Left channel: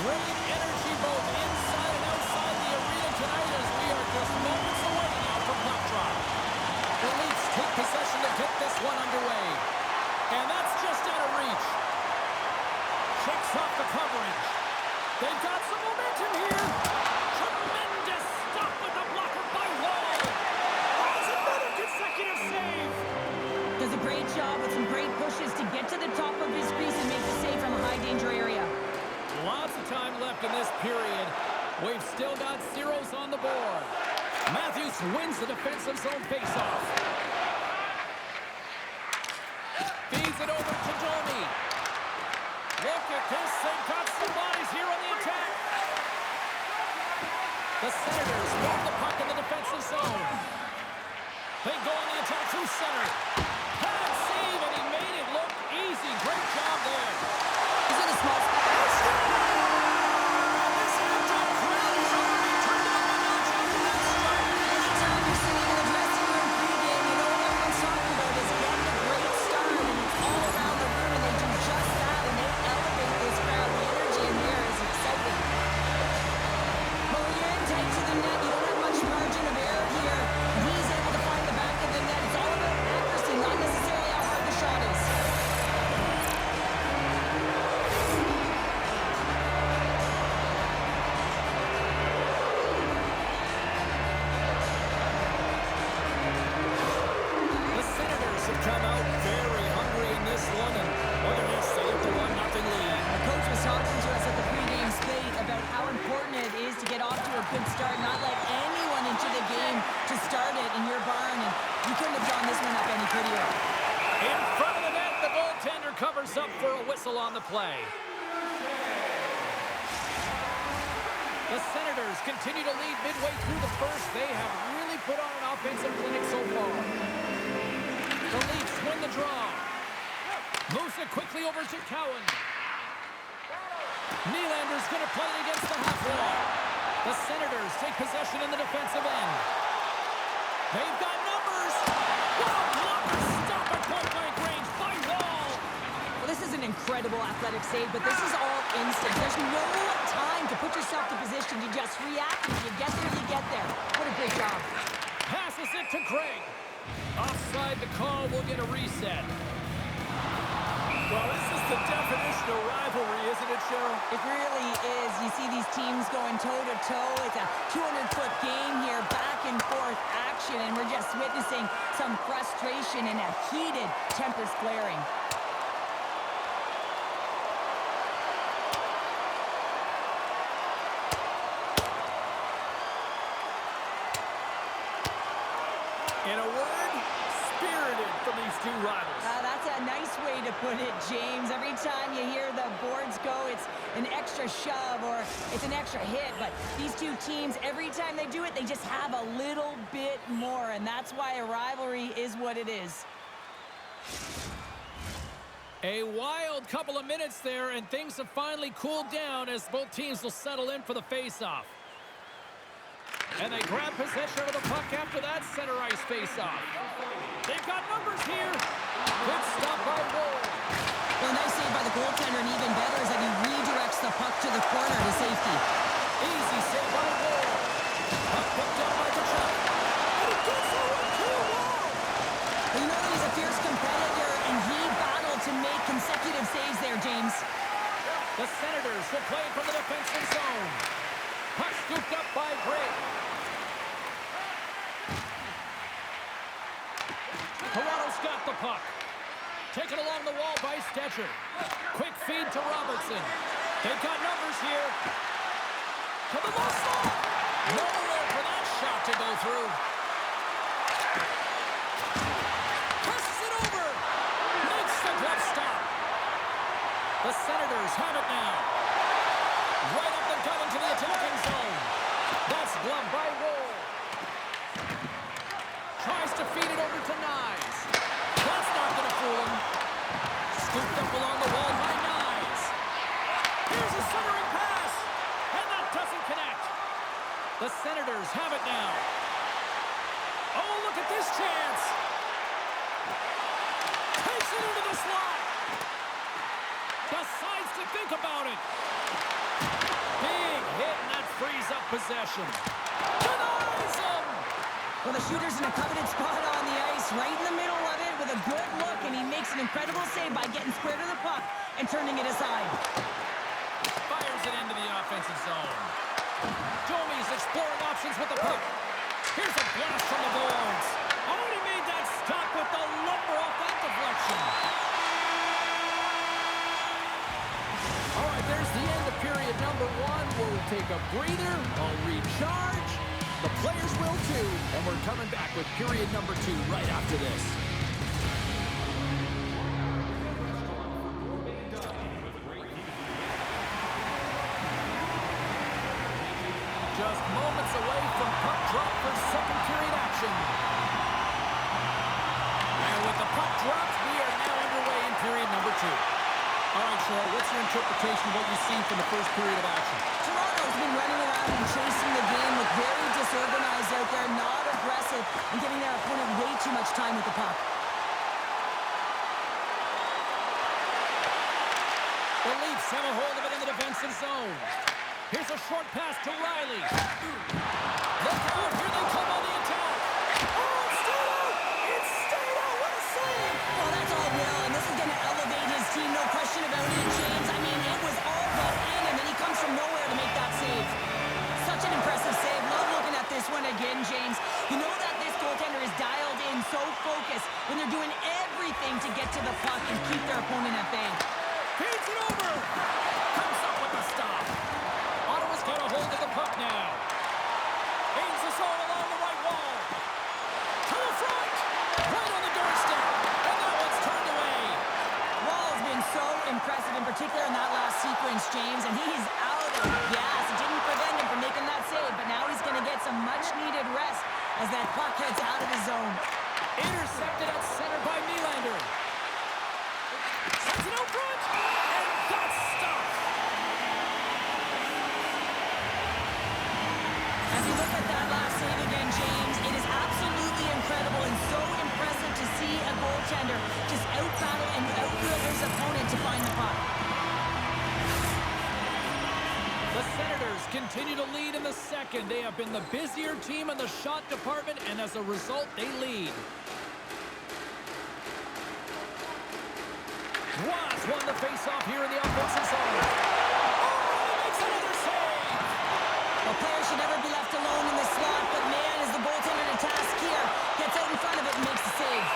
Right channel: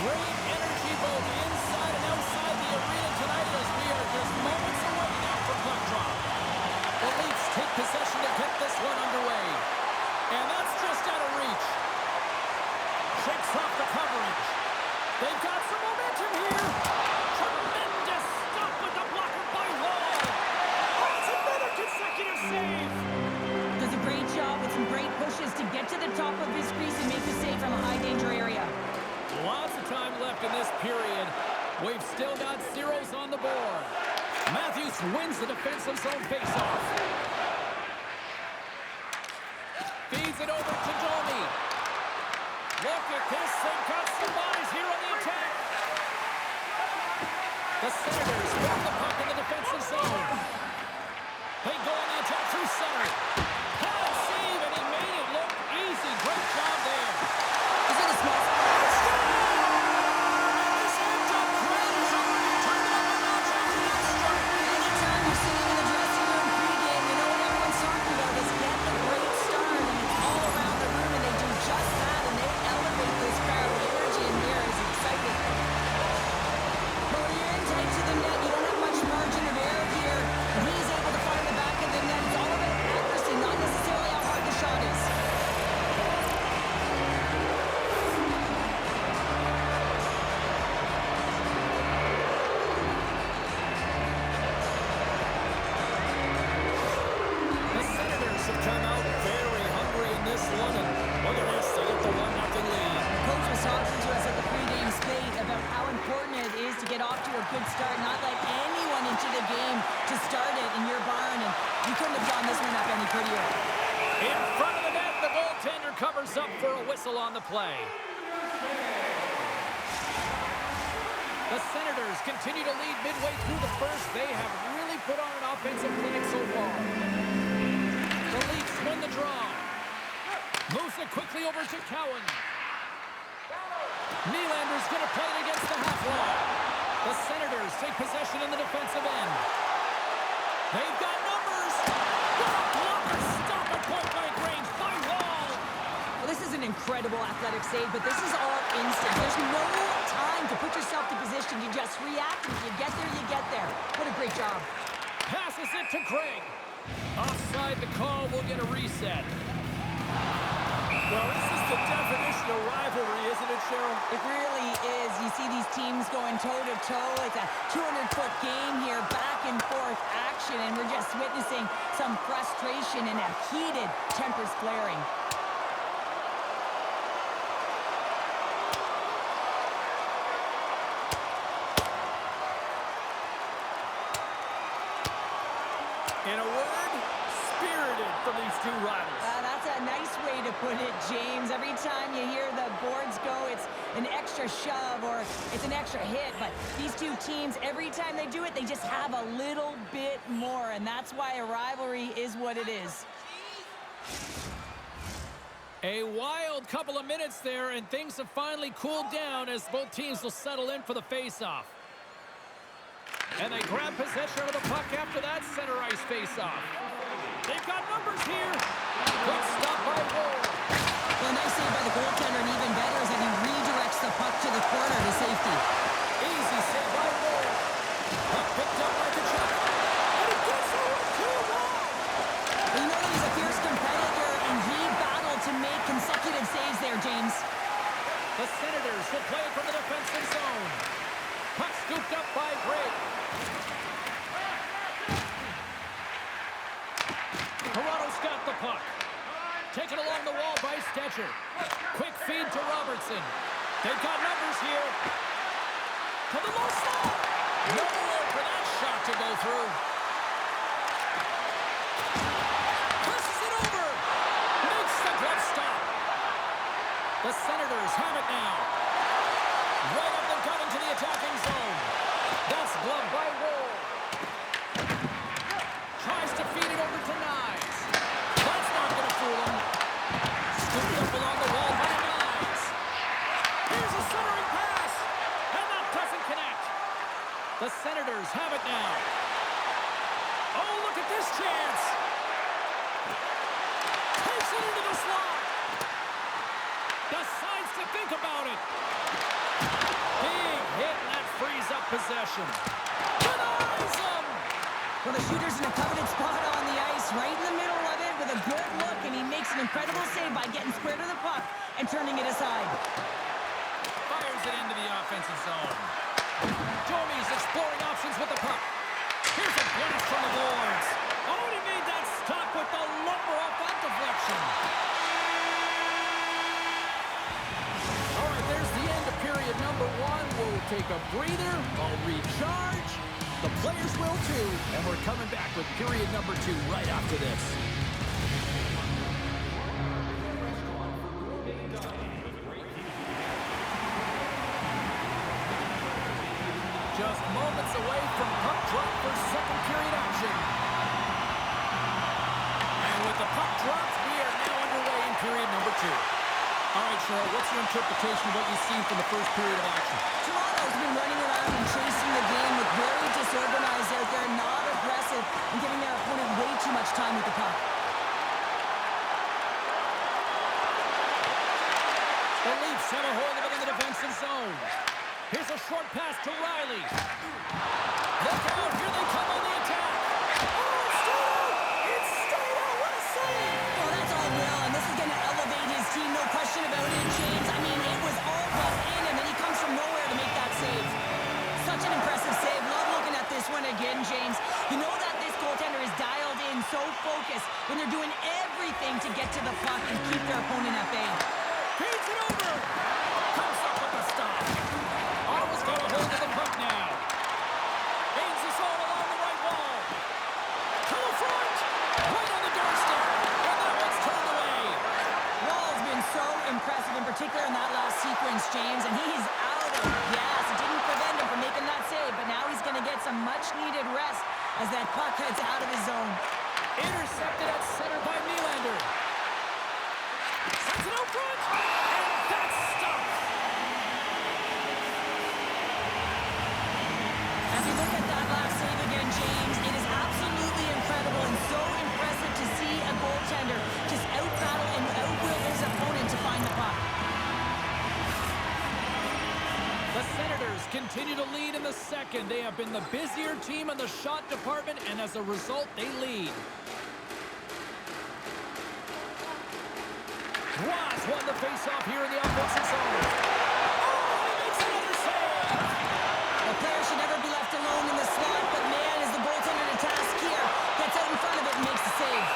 Great energy both inside and outside the arena tonight as we are just moments away now from puck drop. The Leafs take possession to get this one underway. And that's just out of reach. Shakes off the coverage. They've got some momentum here. Tremendous stop with the blocker by Wall. Oh, it's another consecutive save. Does a great job with some great pushes to get to the top of his crease and make the save from a high-danger area. Lots of time left in this period. We've still got zeros on the board. Matthews wins the defensive zone faceoff. Feeds it over to Domi. Look at this. They've got some bodies here on the attack. The Senators move the puck in the defensive zone. They go on the attack through center. Pad save, and he made it look easy. Great job there. He's in a small spot. And this amped-up crowd has already turned it up a notch after that strike. Anytime you're sitting in the dressing room pregame, you know what everyone's talking about is getting a great start, and it's all around the room, and they do just that, and they elevate this crowd. The energy in here is exciting. But when you're in tight to the net, you don't have much margin of error here, and he's able to find the back of the net. It's all about accuracy, not necessarily how hard the shot is. The Senators have come out very hungry in this one, and look at this, they get the 1-0 lead. The coach was talking to us at the pregame spate about how important it is to get off to a good start, not let anyone into the game to start it in your barn, and you couldn't have drawn this one up any prettier. In front of the net, the goaltender covers up for a whistle on the play. The Senators continue to lead midway through the first. They have really put on an offensive clinic so far. The Leafs win the draw. Moves it quickly over to Cowan. Nylander's going to play it against the half wall. The Senators take possession in the defensive end. They've got numbers. What a blocker stop at point-blank range by Wall. Well, this is an incredible athletic save, but this is all instant. There's no time to put yourself to position. You just react, and if you get there, you get there. What a great job. Passes it to Craig. Offside the call, will get a reset. Well, this is the definition of rivalry, isn't it, Cheryl? It really is. You see these teams going toe-to-toe. It's a 200-foot game here, back-and-forth action, and we're just witnessing some frustration and a heated tempers flaring. In a word, spirited from these two rivals. That's a nice way to put it, James. Every time you hear the boards go, it's an extra shove or it's an extra hit. But these two teams, every time they do it, they just have a little bit more. And that's why a rivalry is what it is. A wild couple of minutes there, and things have finally cooled down as both teams will settle in for the face-off. And they grab possession of the puck after that center ice face-off. They've got numbers here. Good stop by Wall. Well, a nice save by the goaltender, and even better is that he redirects the puck to the corner to safety. Easy save by Wall. Puck picked up by Kachuk. And he gets over to Wall. Well, you know that he's a fierce competitor, and he battled to make consecutive saves there, James. The Senators will play it from the defensive zone. Puck scooped up by Gregg. Toronto's got the puck. Taken along the wall by Stetcher. Quick feed to Robertson. They've got numbers here. To the low slot. Nowhere for that shot to go through. Presses it over. Makes the glove stop. The Senators have it now. Right up the gut into the attacking zone. That's gloved by Wall. Tries to feed it over to Nyes. That's not going to fool him. Scooped up along the wall by Nyes. Here's a centering pass. And that doesn't connect. The Senators have it now. Oh, look at this chance. Takes it into the slot. Decides to think about it. Big hit, and that frees up possession. Denies him! Well, the shooter's in a coveted spot on the ice, right in the middle of it with a good look, and he makes an incredible save by getting square to the puck and turning it aside. Fires it into the offensive zone. Domi's exploring options with the puck. Here's a blast from the boards. Oh, and he made that stop with the lumber off that deflection. All right, there's the end of period number 1. We'll take a breather. I'll recharge. The players will too. And we're coming back with period number 2 right after this. Just moments away from puck drop for second period action. And with the puck dropped, we are now underway in period number 2. All right, Cheryl, what's your interpretation of what you've seen from the first period of action? Toronto's been running around and chasing the game, look very disorganized out there, not aggressive, and giving their opponent way too much time with the puck. The Leafs have a hold of it in the defensive zone. Here's a short pass to Riley. Look out, here they come on the attack. Oh, it's stayed out! It's stayed out! What a save! Oh, that's all Will, and this is going to elevate his team, no question about it, James. I mean, it was all but in, and then he comes from nowhere to make that save. Such an impressive save. Love looking at this one again, James. You know that this goaltender is dialed in, so focused, when they're doing everything to get to the puck and keep their opponent at bay. Feeds it over! Comes up with the stop. Ottawa's got a hold of the puck now. Gains the zone along the right wall. To the front! Right on the doorstep. And that one's turned away. Wall's been so impressive, in particular in that last sequence, James, and he's out of gas. It didn't prevent him from making that save, but now he's going to get some much-needed rest as that puck heads out of his zone. Intercepted at center by Nylander. Sends it out front, and that's stopped. As you look at that last save again, James, it is absolutely incredible and so impressive to see a goaltender just out-battle and out-will his opponent to find the puck. The Senators continue to lead in the second. They have been the busier team in the shot department, and as a result, they lead. Ross won the face-off here in the offensive zone. Oh, he makes another save! The player should never be left alone in the slot, but man, is the goaltender to task here. Gets out in front of it and makes the save.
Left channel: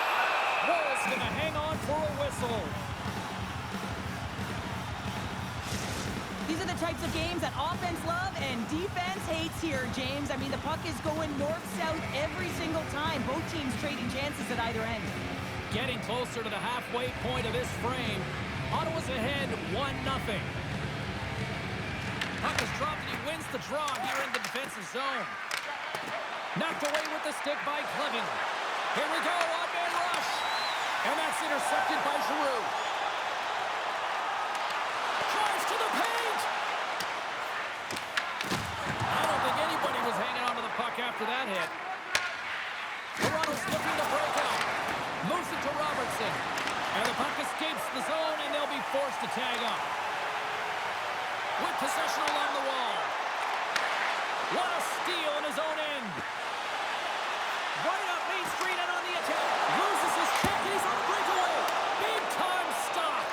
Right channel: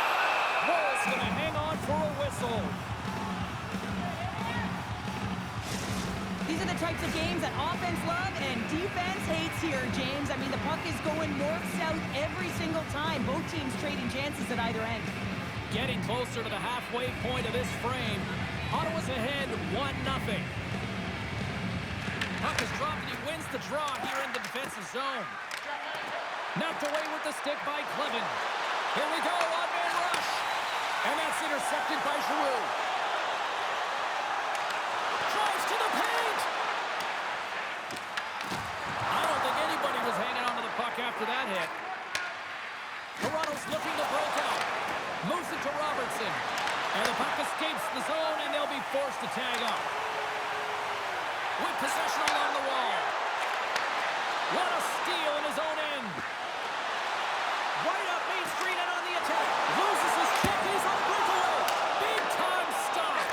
Wall's gonna hang on for a whistle. These are the types of games that offense love and defense hates here, James. I mean, the puck is going north-south every single time. Both teams trading chances at either end. Getting closer to the halfway point of this frame. Ottawa's ahead 1-0. Puck is dropped and he wins the draw here in the defensive zone. Knocked away with the stick by Clevin. Here we go, odd-man rush. And that's intercepted by Giroux. Drives to the paint. I don't think anybody was hanging onto the puck after that hit. Toronto's looking to break out. Moves it to Robertson. And the puck escapes the zone, and they'll be forced to tag up. With possession along the wall. What a steal in his own end. Right up Main Street and on the attack. Loses his check, and he's on the breakaway. Big-time stop.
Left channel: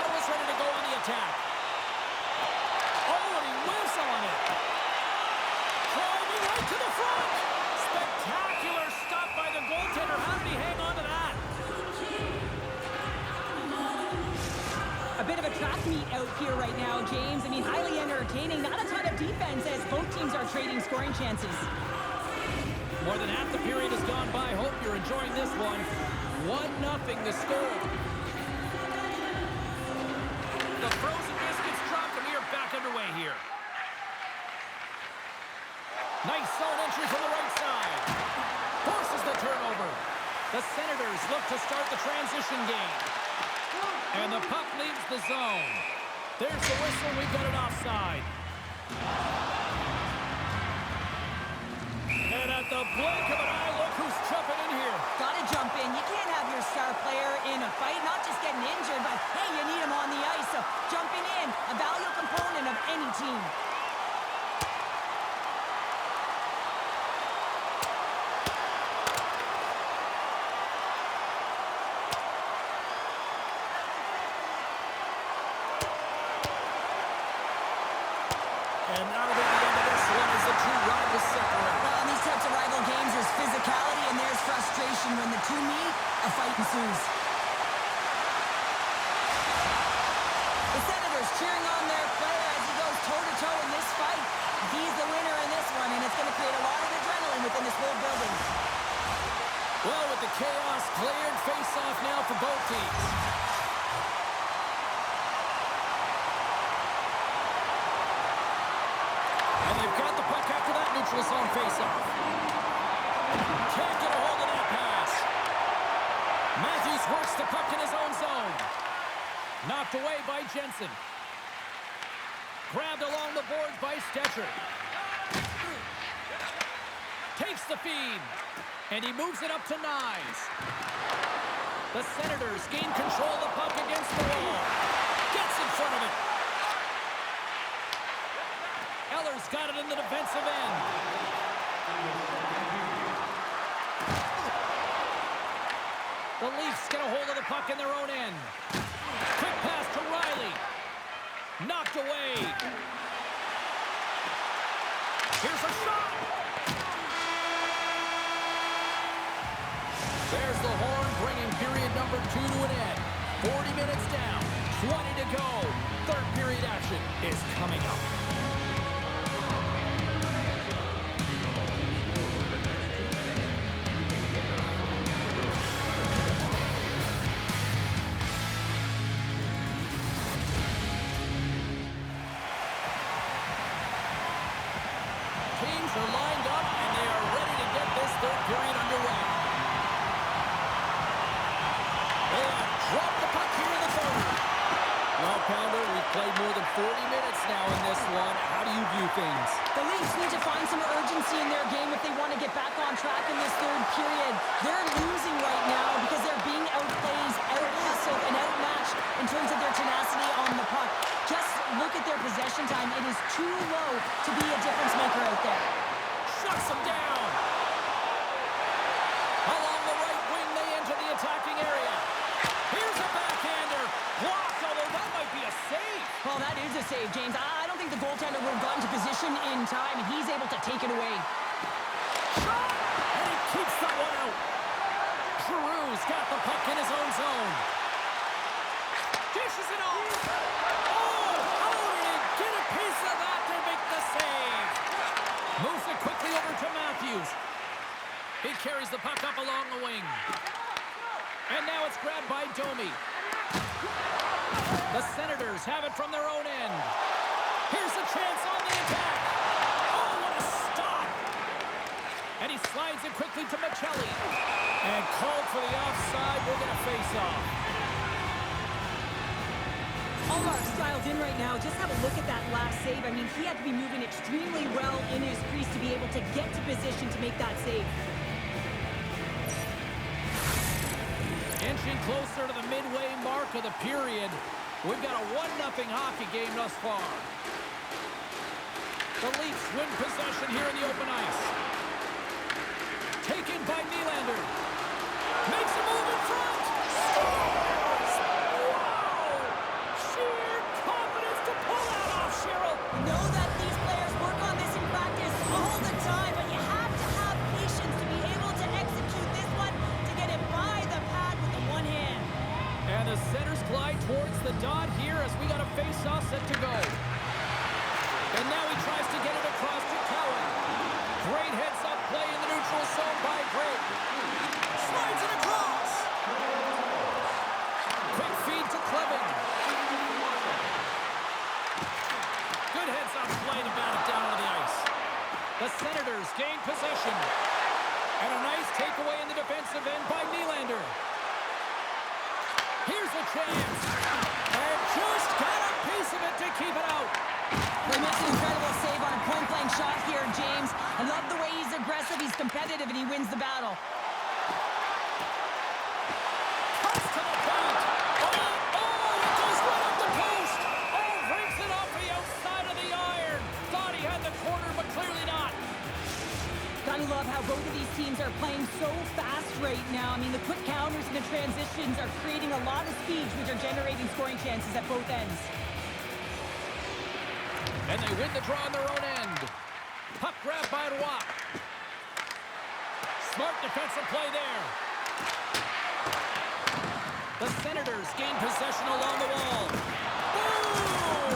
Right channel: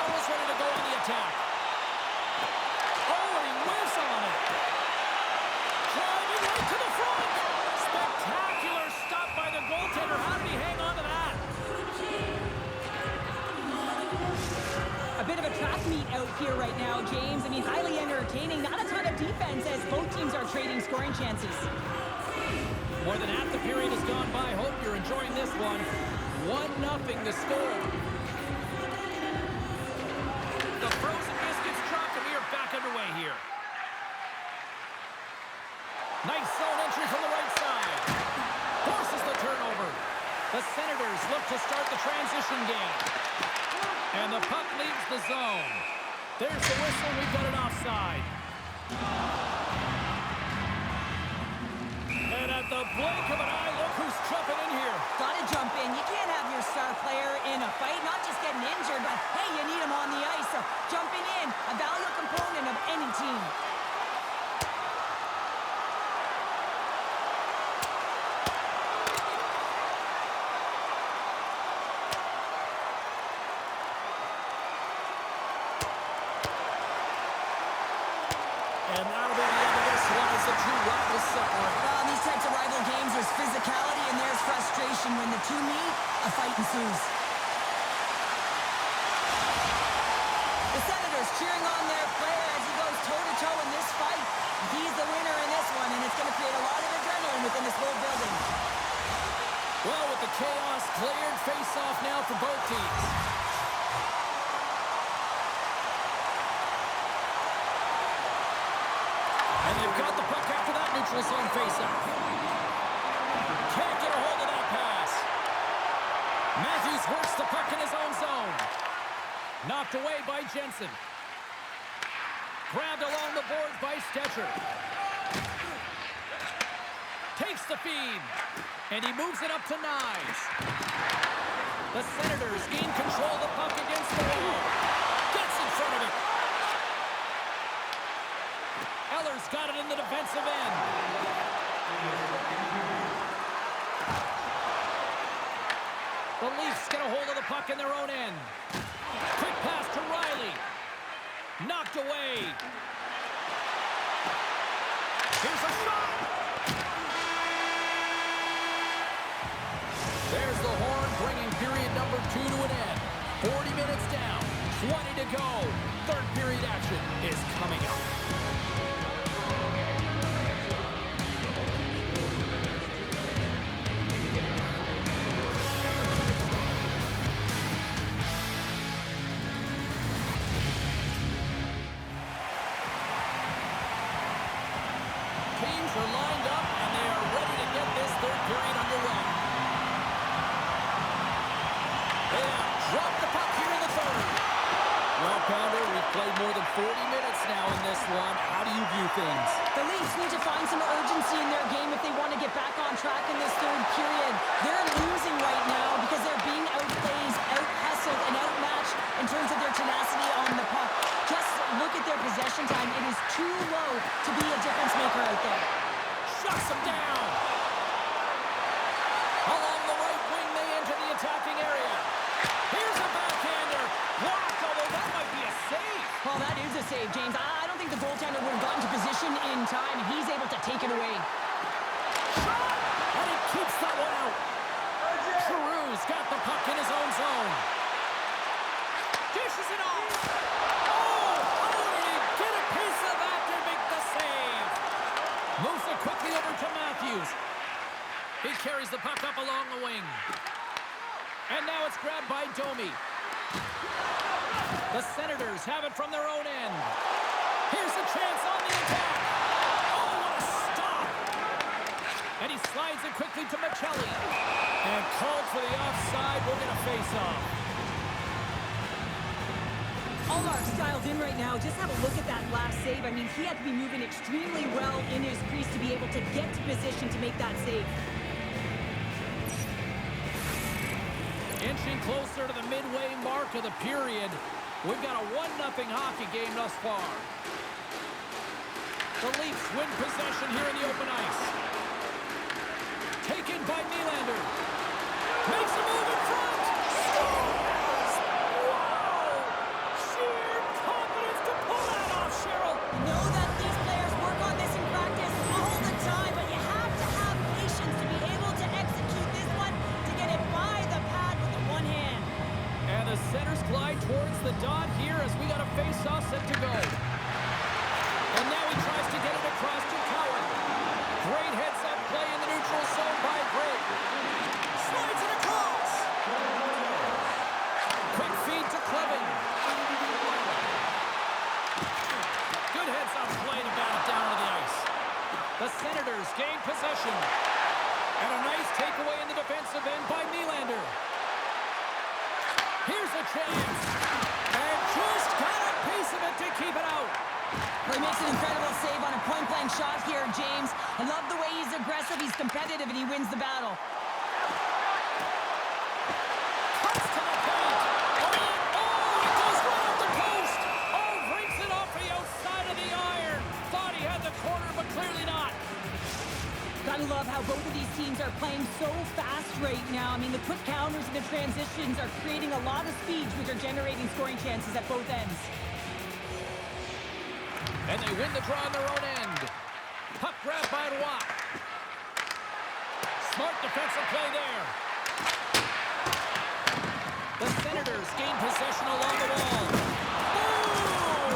Ottawa's ready to go on the attack. Oh, and he whiffs on it. Driving right to the front. Spectacular stop by the goaltender. How did he hang on to that? A bit of a track meet out here right now, James. I mean, highly entertaining. Not a ton of defense as both teams are trading scoring chances. More than half the period has gone by. Hope you're enjoying this one. 1-0 the score. The frozen biscuits dropped, and we are back underway here. Nice zone entry from the right side. Forces the turnover. The Senators look to start the transition game. And the puck leaves the zone. There's the whistle. We've got an offside. And at At the blink of an eye, look who's jumping in here. Gotta jump in. You can't have your star player in a fight, not just getting injured, but hey, you need him on the ice. So jumping in, a valuable component of any team. And that'll be the end of this one as the two rivals separate. Well, in these types of rival games, there's physicality and there's frustration. When the two meet, a fight ensues. The Senators cheering on their player as he goes toe-to-toe in this fight. He's the winner in this one, and it's going to create a lot of adrenaline within this whole building. Well, with the chaos cleared, face-off now for both teams. And they've got the puck after that neutral zone faceoff. Can't get a hold of that pass. Matthews works the puck in his own zone. Knocked away by Jensen. Grabbed along the boards by Stetcher. Takes the feed. And he moves it up to Nyes. The Senators gain control of the puck against the wall. Gets in front of it. Eller's got it in the defensive end. The Leafs get a hold of the puck in their own end. Quick pass to Riley. Knocked away. Here's a shot. There's the horn, bringing period number 2 to an end. 40 minutes down, 20 to go. Third period action is coming up. Teams are lined up, and they are ready to get this third period underway. They have dropped the puck here in the third. Well, Pounder, we've played more than 40 minutes now in this one. How do you view things? The Leafs need to find some urgency in their game if they want to get back on track in this third period. They're losing right now because they're being outplayed, out-hustled, and outmatched in terms of their tenacity on the puck. Just look at their possession time. It is too low to be a difference maker out there. Shuts them down. Along the right wing, they enter the attacking area. Here's a backhander. Blocked, although that might be a save. Well, that is a save, James. I don't think the goaltender would have gotten to position in time, and he's able to take it away. Shot! And he keeps that one out. Giroux's got the puck in his own zone. Dishes it off. Oh, how did he get a piece of that to make the save? Moves it quickly over to Matthews. He carries the puck up along the wing. And now it's grabbed by Domi. The Senators have it from their own end. Here's a chance on the attack. Oh, what a stop. And he slides it quickly to Michelli. And called for the offside. We'll get a face-off. Allmark's dialed in right now. Just have a look at that last save. I mean, he had to be moving extremely well in his crease to be able to get to position to make that save. Inching closer to the midway mark of the period. We've got a 1-0 hockey game thus far. The Leafs win possession here in the open ice. Taken by Nylander. Makes a move in front. Scores! Wow! Sheer confidence to pull that off, Cheryl. You know that these players work on this in practice all the time, but you have to have patience to be able to execute this one to get it by the pad with the one hand. And the centers glide towards the dot here as we got a face-off set to go. And now he tries to get it across to Cowan. Great heads-up play in the neutral zone by Greg. Slides it across. Quick feed to Clevin. Good heads-up play to bat it down on the ice. The Senators gain possession. And a nice takeaway in the defensive end by Nylander. Here's a chance. And just got a piece of it to keep it out. He makes an incredible save on a point-blank high-flying shot here, James. I love the way he's aggressive, he's competitive, and he wins the battle. Cuts to the paint. Oh, it goes right off the post. Oh, breaks it off the outside of the iron. Thought he had the corner, but clearly not. Gotta love how both of these teams are playing so fast right now. I mean, the quick counters and the transitions are creating a lot of speeds, which are generating scoring chances at both ends. And they win the draw on their own end. Puck grab by Roy. Smart defensive play there. The Senators gain possession along the wall. Boom!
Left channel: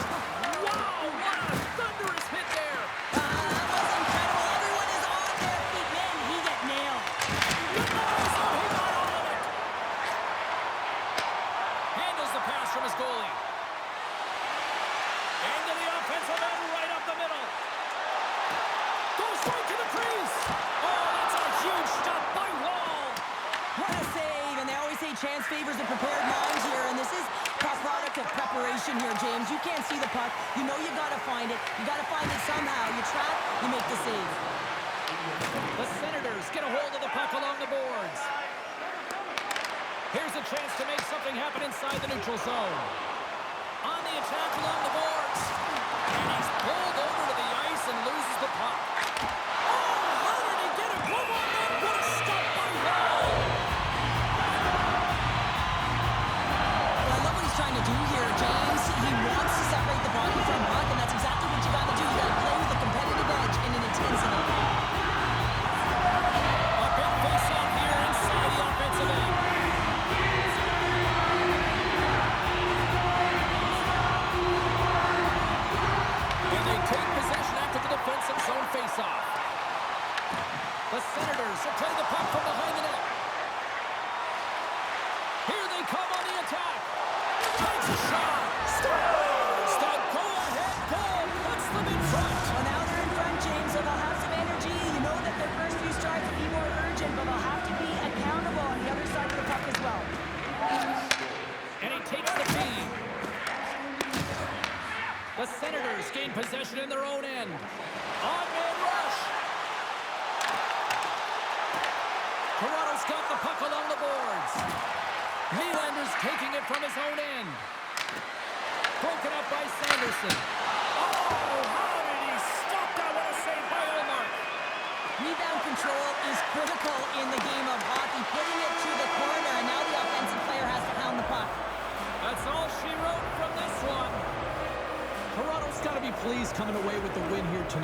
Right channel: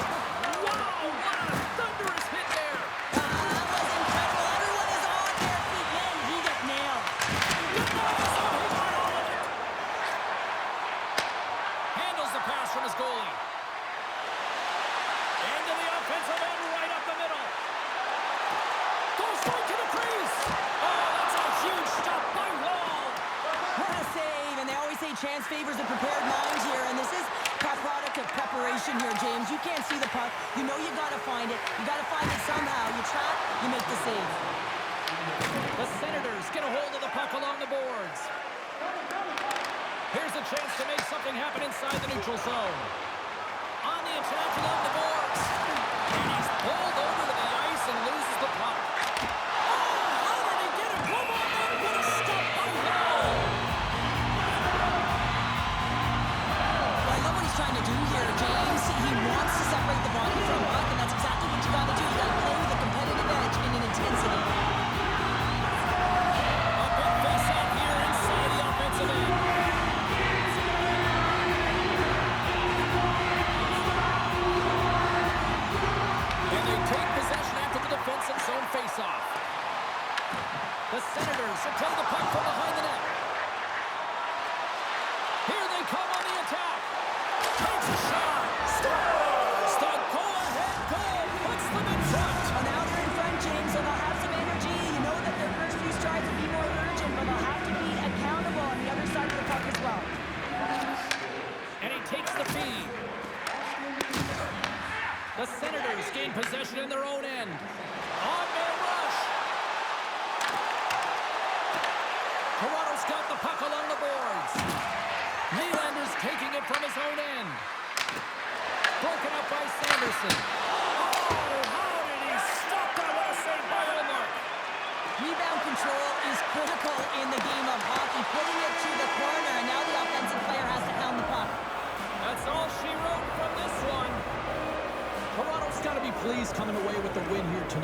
Wow, what a thunderous hit there. That was incredible. Everyone is on their feet. Man, he got nailed. Nice, and he got all of it. Handles the pass from his goalie. Into the offensive end, right up the middle. Goes right to the crease. Oh, that's a huge stop by Wall. What a save. And they always say chance favors a prepared mind here. And this is a product of preparation here, James. You can't see the puck. You know you got to find it. You got to find it somehow. You trap, you make the save. The Senators get a hold of the puck along the boards. Here's a chance to make something happen inside the neutral zone. On the attack along the boards. And he's pulled over to the ice and loses the puck. Oh, how did he get a glove on that? What a stop by Wall. Well, I love what he's trying to do here, James. He wants to separate the body from puck, and that's exactly what you got to do. You got to play with a competitive edge and an intensity. A big face-off here inside the offensive end. And they take possession after the defensive zone face-off. The Senators will play the puck from behind the net. Here they come on the attack. Takes a shot. Scores! The go-ahead goal puts them in front. Well, now they're in front, James, so they'll have some energy. You know that their first few strides will be more urgent, but they'll have to be accountable on the other side of the puck as well. And he takes the feed. The Senators gain possession in their own end. On-man rush. Toronto's got the puck along the boards. Nylander's taking it from his own end. Broken up by Sanderson. Oh, how did he stop that? What a save by Olmark. Rebound control is critical in the game of hockey, putting it to the corner, and now the offensive player has to hound the puck. That's all she wrote from this one. Toronto's got to be pleased coming away with the win here tonight.